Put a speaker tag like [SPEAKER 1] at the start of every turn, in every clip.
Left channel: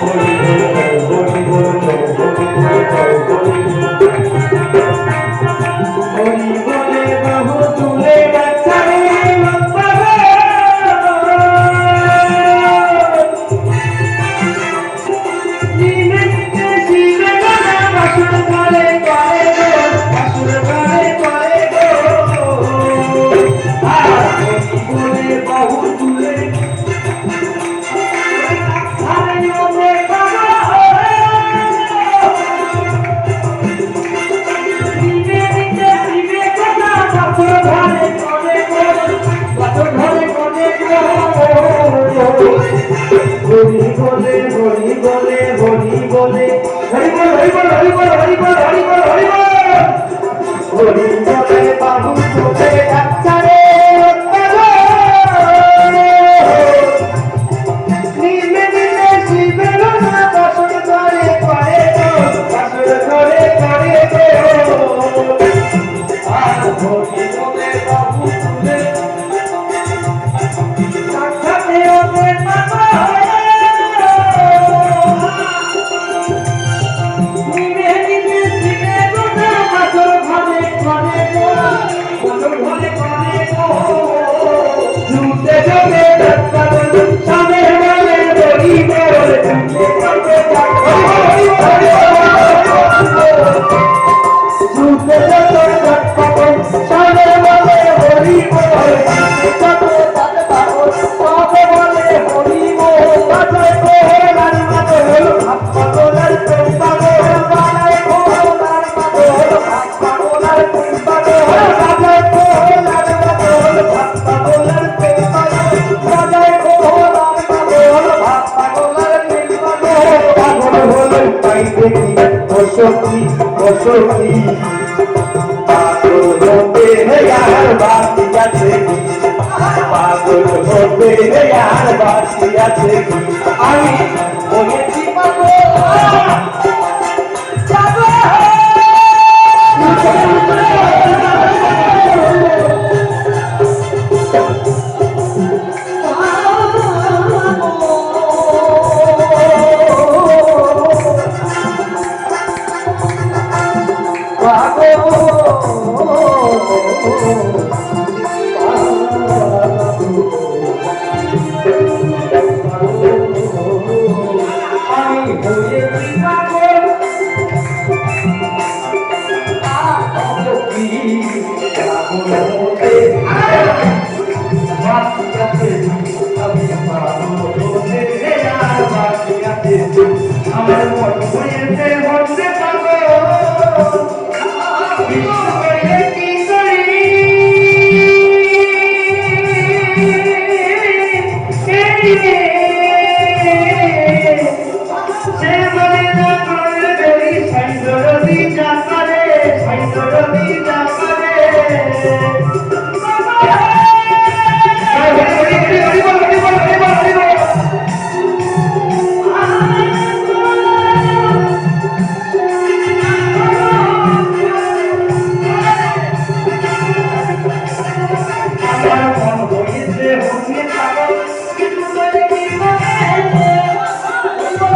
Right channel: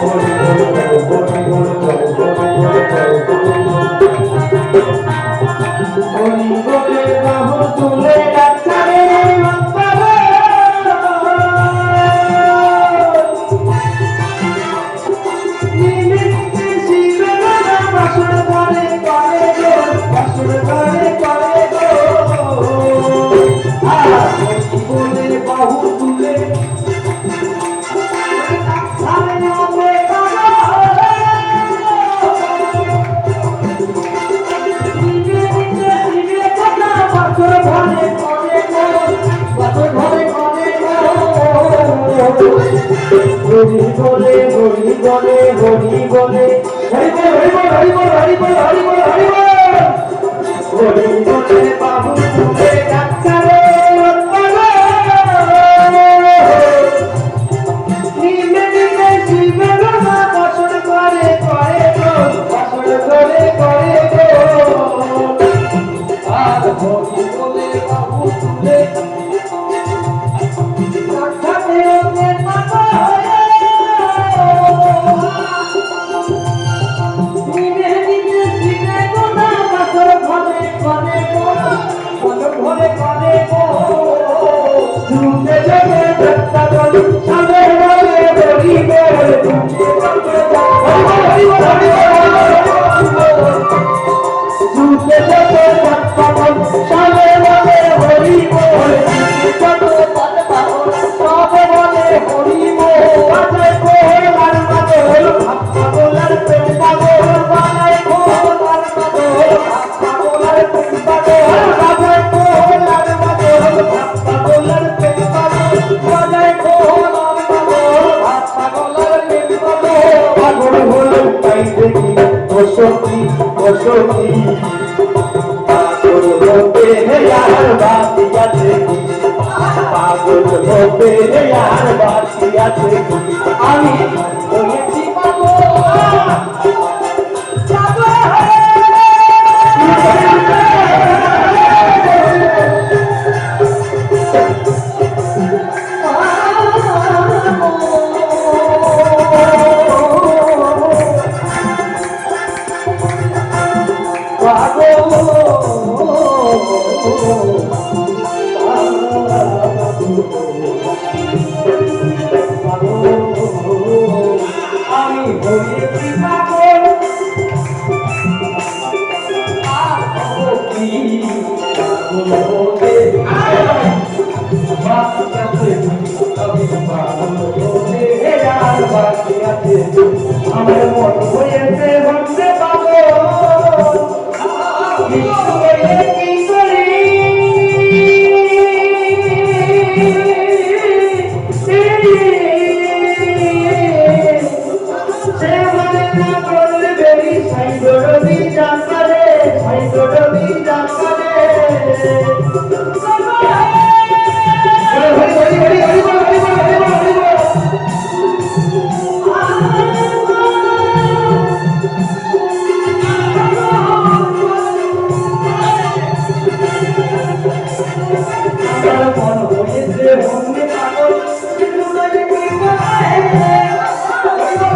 [SPEAKER 1] 서울 হরি বলে হরি বলে হরি বলে। হরি বল হরি বল হরি বল হরি বল হরি বল। হরি বল হরি বলে
[SPEAKER 2] বাবু সখী ও সখী
[SPEAKER 1] পাগল হতে আর বাকি আছে কি? পাগল হতে আর বাকি আছে কি? আমি Oh,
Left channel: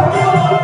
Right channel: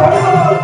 [SPEAKER 1] Oh,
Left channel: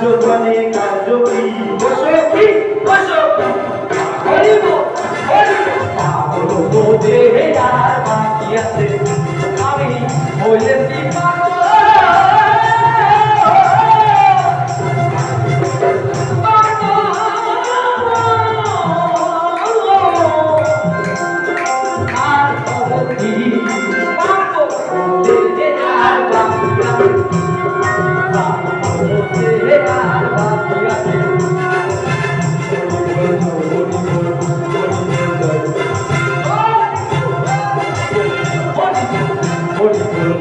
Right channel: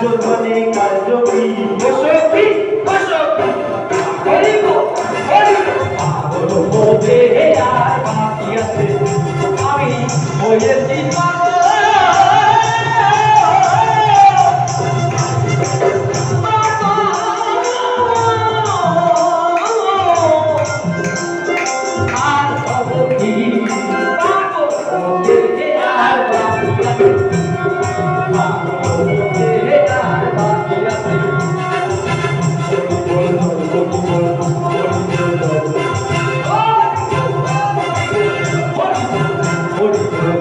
[SPEAKER 1] রাজ্য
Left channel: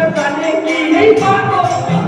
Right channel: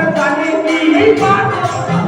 [SPEAKER 1] i'm gonna make me